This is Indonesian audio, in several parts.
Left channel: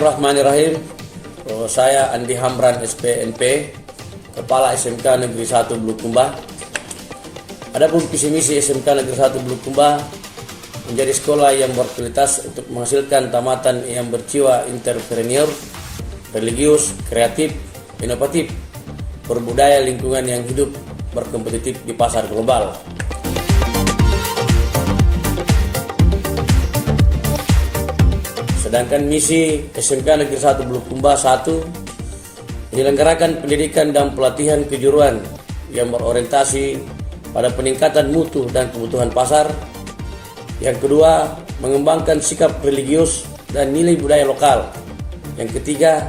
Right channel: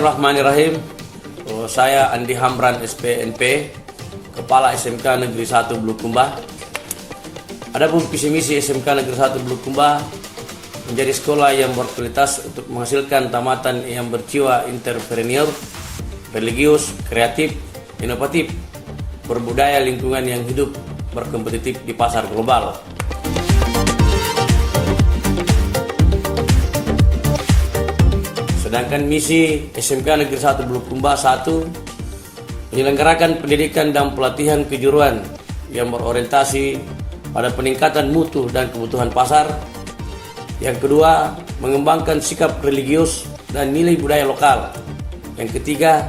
Bismillahirrahmanirrahim. Saya Andi Hamran SPNP, Kepala SMK Negeri 1 Bulukumba. Adapun visi misi SMK Negeri 1 Bulukumba menjadi sekolah yang berkualitas untuk menghasilkan tamatan yang berjiwa entrepreneur, religius, kreatif, inovatif, berbudaya, lingkungan yang hidup, berkompetitif di pasar global. Sedangkan misi SMK Negeri 1 Bulukumba 1 menyelenggarakan pendidikan dan pelatihan kejuruan yang berorientasi pada peningkatan mutu dan kebutuhan pasar. Yang kedua, mengembangkan sikap religius dan nilai budaya lokal. Yang ketiga,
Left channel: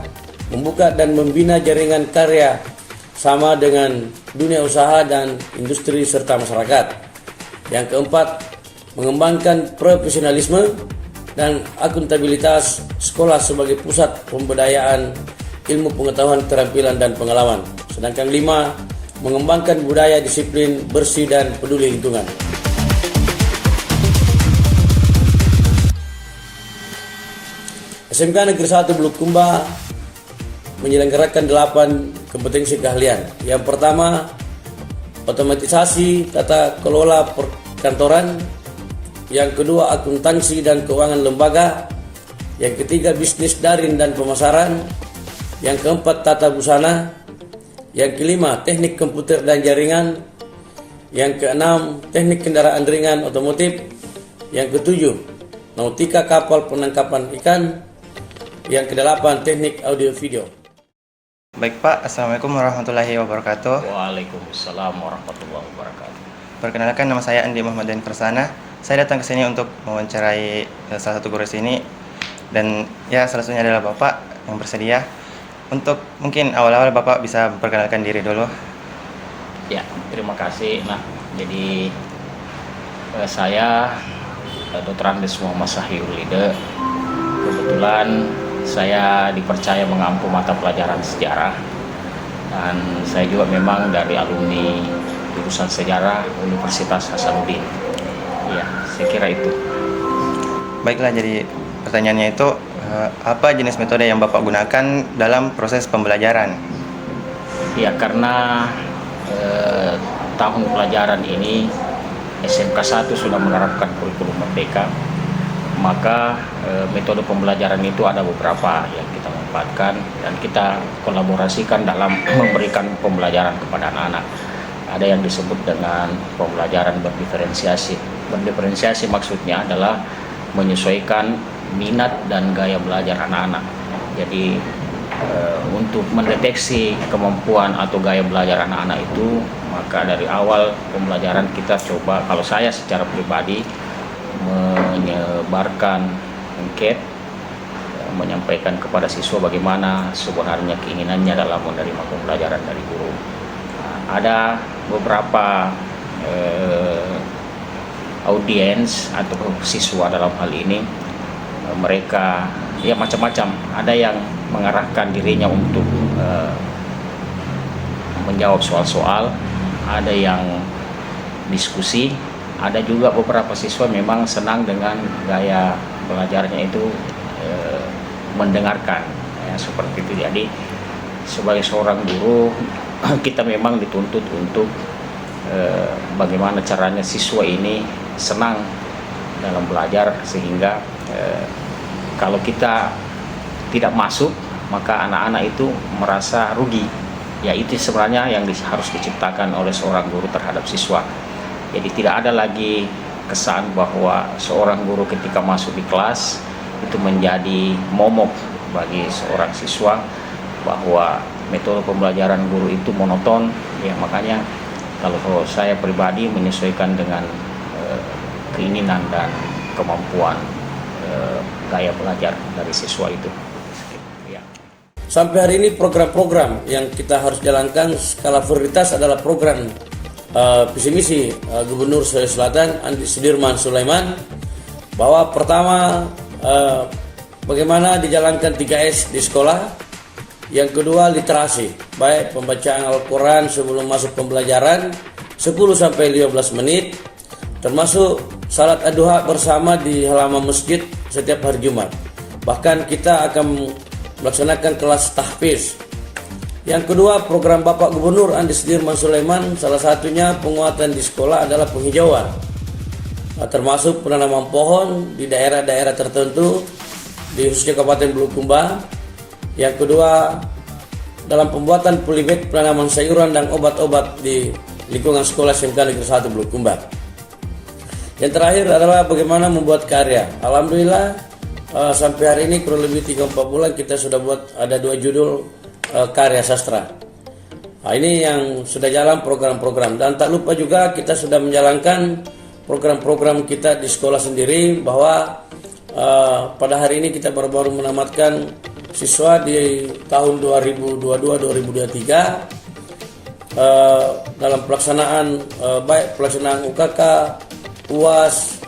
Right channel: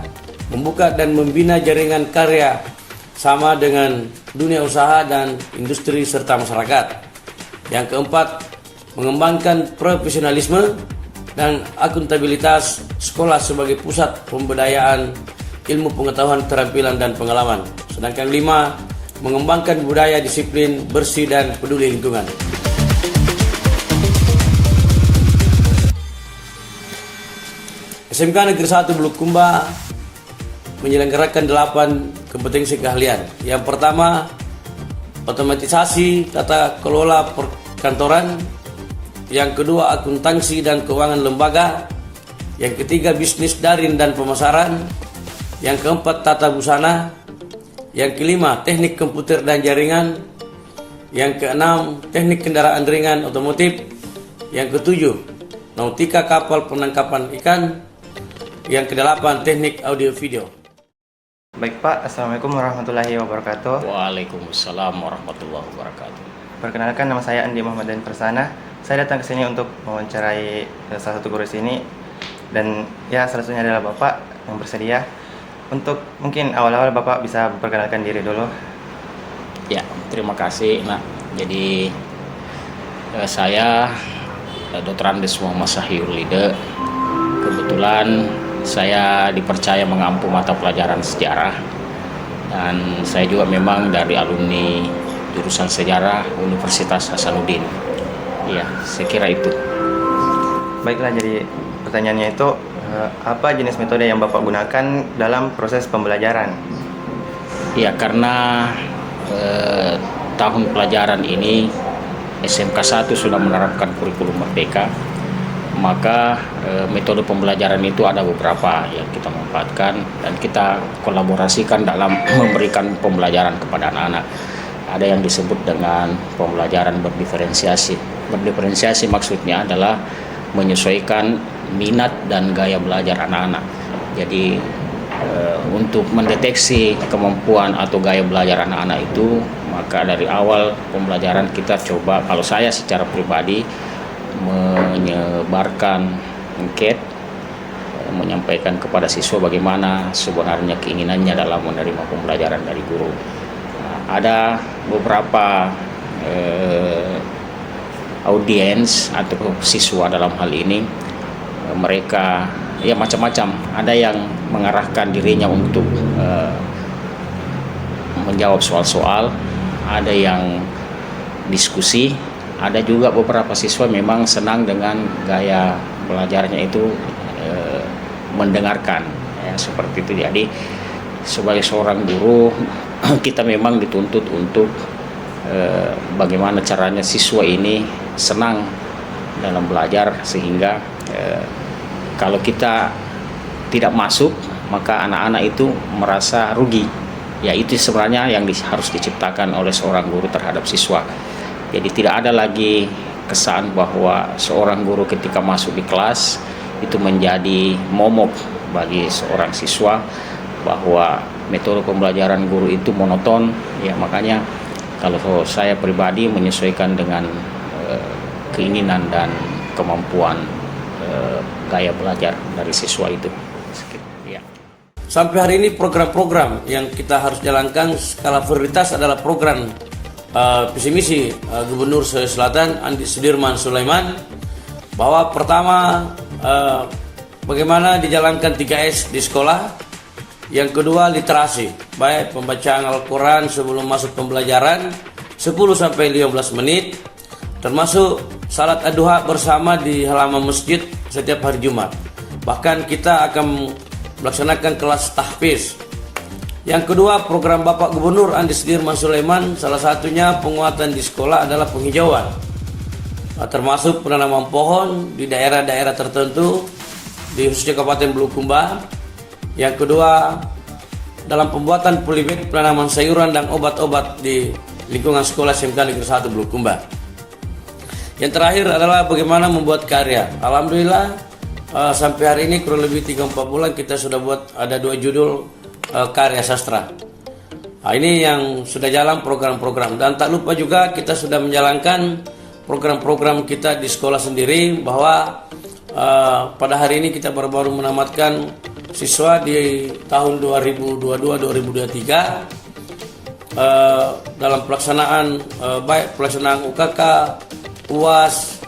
membuka dan membina jaringan karya sama dengan dunia usaha dan industri serta masyarakat. Yang keempat, mengembangkan profesionalisme dan akuntabilitas sekolah sebagai pusat pemberdayaan ilmu pengetahuan, keterampilan, dan pengalaman. Sedangkan 5, mengembangkan budaya disiplin, bersih, dan peduli lingkungan. SMK Negeri 1 Bulukumba menyelenggarakan 8 kompetensi keahlian. Yang pertama, otomatisasi tata kelola perkantoran. Yang kedua, akuntansi dan keuangan lembaga. Yang ketiga, bisnis daring dan pemasaran. Yang keempat, tata busana. Yang kelima, teknik komputer dan jaringan. Yang keenam, teknik kendaraan ringan otomotif. Yang ketujuh, nautika kapal penangkapan ikan. Yang kedelapan, teknik audio video. Baik Pak, Assalamualaikum warahmatullahi wabarakatuh. Waalaikumsalam warahmatullahi wabarakatuh. Perkenalkan, nama saya Andi Muhammadan Persana. Saya datang ke sini untuk mewawancarai salah satu guru sini, dan ya salah satunya adalah Bapak yang bersedia. Untuk mungkin awal-awal Bapak bisa memperkenalkan diri dulu. Ya, terima kasih. Nah, jadi saya Dr. Andes Muhammad Sahiulide. Kebetulan saya dipercaya mengampu mata pelajaran sejarah, dan saya juga memang dari alumni jurusan sejarah Universitas Hasanuddin. Ya, saya kira itu. Baiklah, jadi pertanyaannya itu apa jenis metode yang Bapak gunakan dalam proses pembelajaran? Ya, karena tahun pelajaran ini SMK 1 sudah menerapkan kurikulum merdeka, maka metode pembelajaran itu ada beberapa yang kita manfaatkan dan kita kolaborasikan dalam memberikan pembelajaran kepada anak-anak. Ada yang disebut dengan pembelajaran berdiferensiasi. Berdiferensiasi maksudnya adalah menyesuaikan minat dan gaya belajar anak-anak. Jadi untuk mendeteksi kemampuan atau gaya belajar anak-anak itu, maka dari awal pembelajaran kita coba, kalau saya secara pribadi menyebarkan angket, menyampaikan kepada siswa bagaimana sebenarnya keinginannya dalam menerima pembelajaran dari guru. Ada beberapa audiens atau siswa dalam hal ini, mereka ya macam-macam. Ada yang mengarahkan dirinya untuk menjawab soal-soal, ada yang diskusi, ada juga beberapa siswa memang senang dengan gaya belajarnya itu mendengarkan, ya, seperti itu. Jadi sebagai seorang guru kita memang dituntut untuk bagaimana caranya siswa ini senang dalam belajar, sehingga kalau kita tidak masuk maka anak-anak itu merasa rugi. Ya, itu sebenarnya yang harus diciptakan oleh seorang guru terhadap siswa. Jadi tidak ada lagi kesan bahwa seorang guru ketika masuk di kelas itu menjadi momok bagi seorang siswa, bahwa metode pembelajaran guru itu monoton. Ya, makanya kalau saya pribadi menyesuaikan dengan keinginan dan kemampuan gaya belajar dari siswa itu. Ya. Sampai hari ini program-program yang kita harus jalankan skala prioritas adalah program visi misi Gubernur Sulawesi Selatan Andi Sudirman Sulaiman, bahwa pertama bagaimana dijalankan 3S di sekolah. Yang kedua, literasi, baik pembacaan Al-Quran sebelum masuk pembelajaran 10-15 menit, termasuk salat ad-duha bersama di halaman masjid setiap hari Jumat. Bahkan kita akan melaksanakan kelas tahfiz. Yang kedua, program Bapak Gubernur Andi Sudirman Sulaiman, salah satunya penguatan di sekolah adalah penghijauan, termasuk penanaman pohon di daerah-daerah tertentu di khususnya Kabupaten Bulukumba. Yang kedua, dalam pembuatan polybag penanaman sayuran dan obat-obat di lingkungan sekolah SMK Negeri 1 Bulukumba. Yang terakhir adalah bagaimana membuat karya. Alhamdulillah sampai hari ini kurang lebih 3-4 bulan kita sudah buat ada 2 judul karya sastra. Nah, ini yang sudah jalan program-program, dan tak lupa juga kita sudah menjalankan program-program kita di sekolah sendiri, bahwa pada hari ini kita baru-baru menamatkan siswa di tahun 2022-2023 dalam pelaksanaan baik pelaksanaan UKK, UAS,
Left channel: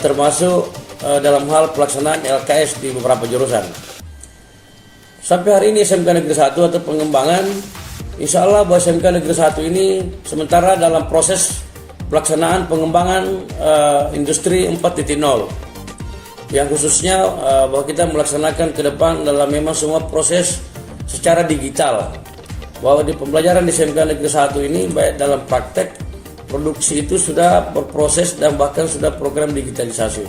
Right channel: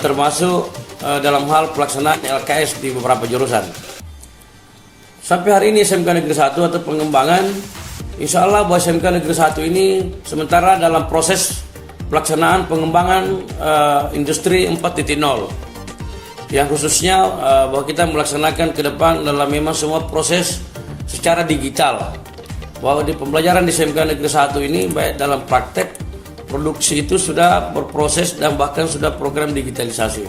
termasuk dalam hal pelaksanaan LKS di beberapa jurusan. Sampai hari ini SMK Negeri 1 atau pengembangan, insya Allah bahwa SMK Negeri 1 ini sementara dalam proses pelaksanaan pengembangan industri 4.0, yang khususnya bahwa kita melaksanakan ke depan dalam memang semua proses secara digital, bahwa di pembelajaran di SMK Negeri 1 ini baik dalam praktek, produksi itu sudah berproses dan bahkan sudah program digitalisasi.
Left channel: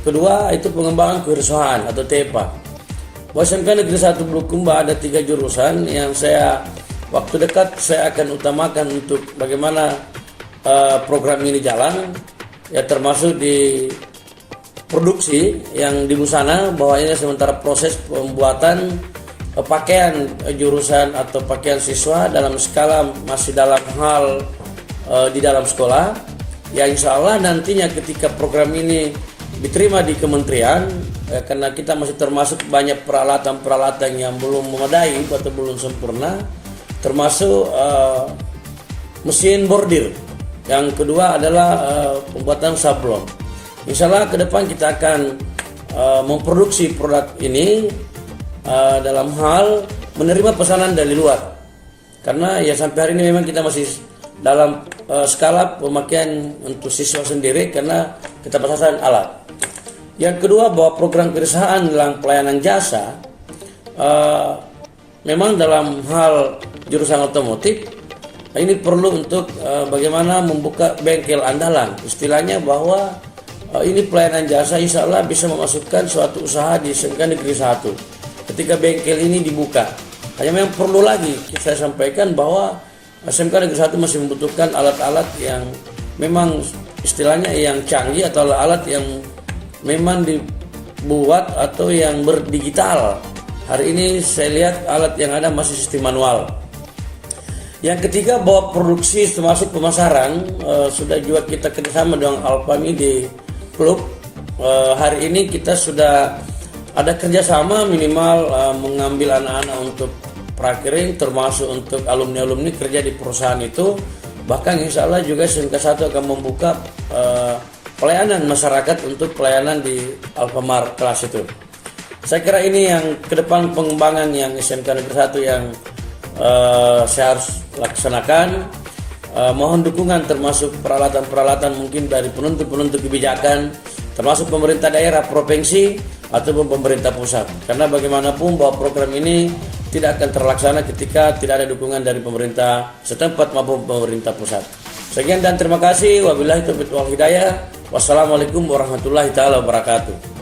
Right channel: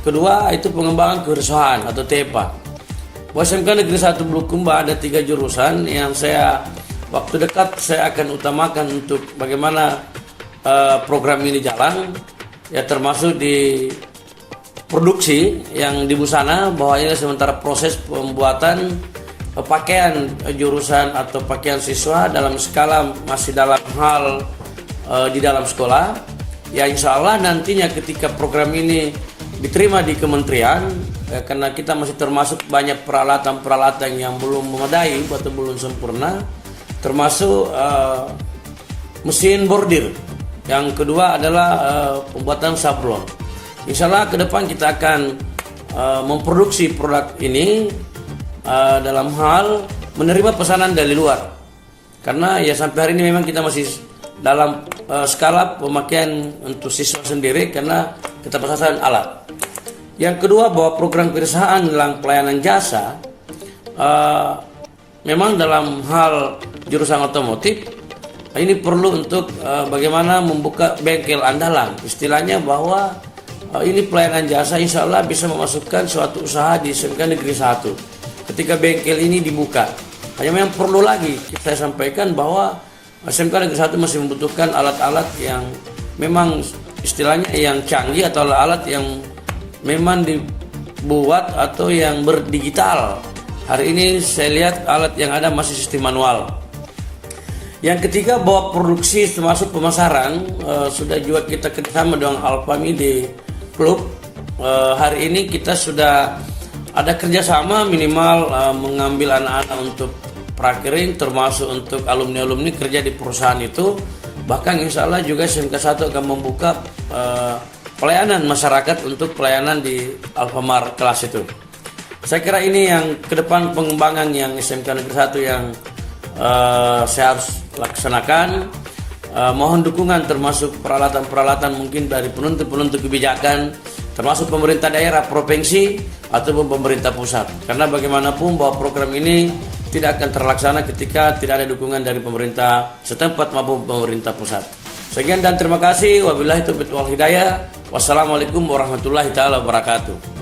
Kedua itu pengembangan kewirausahaan atau TEPA. Bahwa SMK Negeri 1 Bulukumba ada 3 jurusan yang waktu dekat saya akan utamakan untuk bagaimana program ini jalan, ya termasuk di produksi yang di busana, bahwa ini sementara proses pembuatan pakaian jurusan atau pakaian siswa dalam skala masih dalam hal di dalam sekolah. Ya insya Allah nantinya ketika program ini diterima di kementerian, ya, karena kita masih termasuk banyak peralatan-peralatan yang belum memadai atau belum sempurna, termasuk mesin bordir. Yang kedua adalah pembuatan sablon. Insya Allah ke depan kita akan memproduksi produk ini dalam hal menerima pesanan dari luar, karena ya sampai hari ini memang kita masih dalam skala pemakaian untuk siswa sendiri karena kita pesanan alat. Yang kedua, bahwa program kewirausahaan dalam pelayanan jasa memang dalam hal jurusan otomotif ini perlu untuk bagaimana membuka bengkel andalan, istilahnya bahwa ini pelayanan jasa insya Allah bisa memasukkan suatu usaha di SMK Negeri 1 ketika bengkel ini dibuka. Hanya memang perlu lagi saya sampaikan bahwa SMK Negeri 1 masih membutuhkan alat-alat yang memang istilahnya yang canggih atau alat yang memang dibuat atau yang berdigital. Hari ini saya lihat alat yang ada masih sistem manual. Yang ketiga, bahwa produksi termasuk pemasaran sudah juga kita kerjasama dengan Alfami di klub. Hari ini kita sudah ada kerjasama minimal mengambil anak-anak untuk prakirin, termasuk untuk alumni-alumni kerja di perusahaan itu. Bahkan insya Allah juga SMK 1 akan membuka pelayanan masyarakat untuk pelayanan di Alfamart kelas itu. Saya kira ini yang ke depan pengembangan yang SMK Negeri 1 yang saya harus laksanakan. Mohon dukungan termasuk peralatan-peralatan mungkin dari penentu-penentu kebijakan, termasuk pemerintah daerah, provinsi, ataupun pemerintah pusat. Karena bagaimanapun bahwa program ini tidak akan terlaksana ketika tidak ada dukungan dari pemerintah setempat maupun pemerintah pusat. Sekian dan terima kasih. Wabillahi taufiq wal hidayah. Wassalamualaikum warahmatullahi taala wabarakatuh.